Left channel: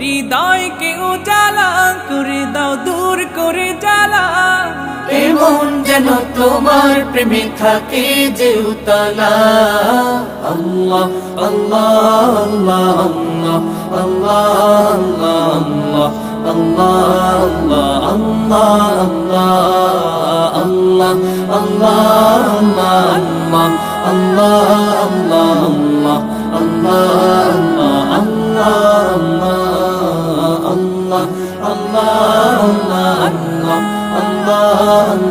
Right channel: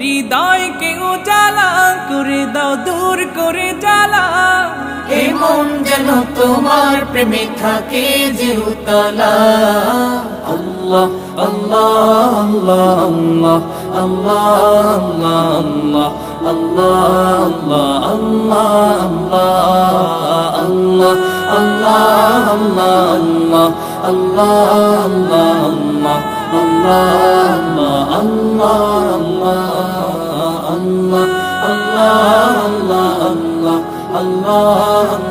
হৃদয়কে উজালা করে দাও, দূর করে জ্বালা। এমন যেন তোমার প্রেমে থাকে যে উতলা। আল্লাহ আল্লাহ আল্লাহ আল্লাহ আল্লাহ আল্লাহ আল্লাহ আল্লাহ আল্লাহ আল্লাহ আল্লাহ আল্লাহ আল্লাহ আল্লাহ আল্লাহ আল্লাহ আল্লাহ আল্লাহ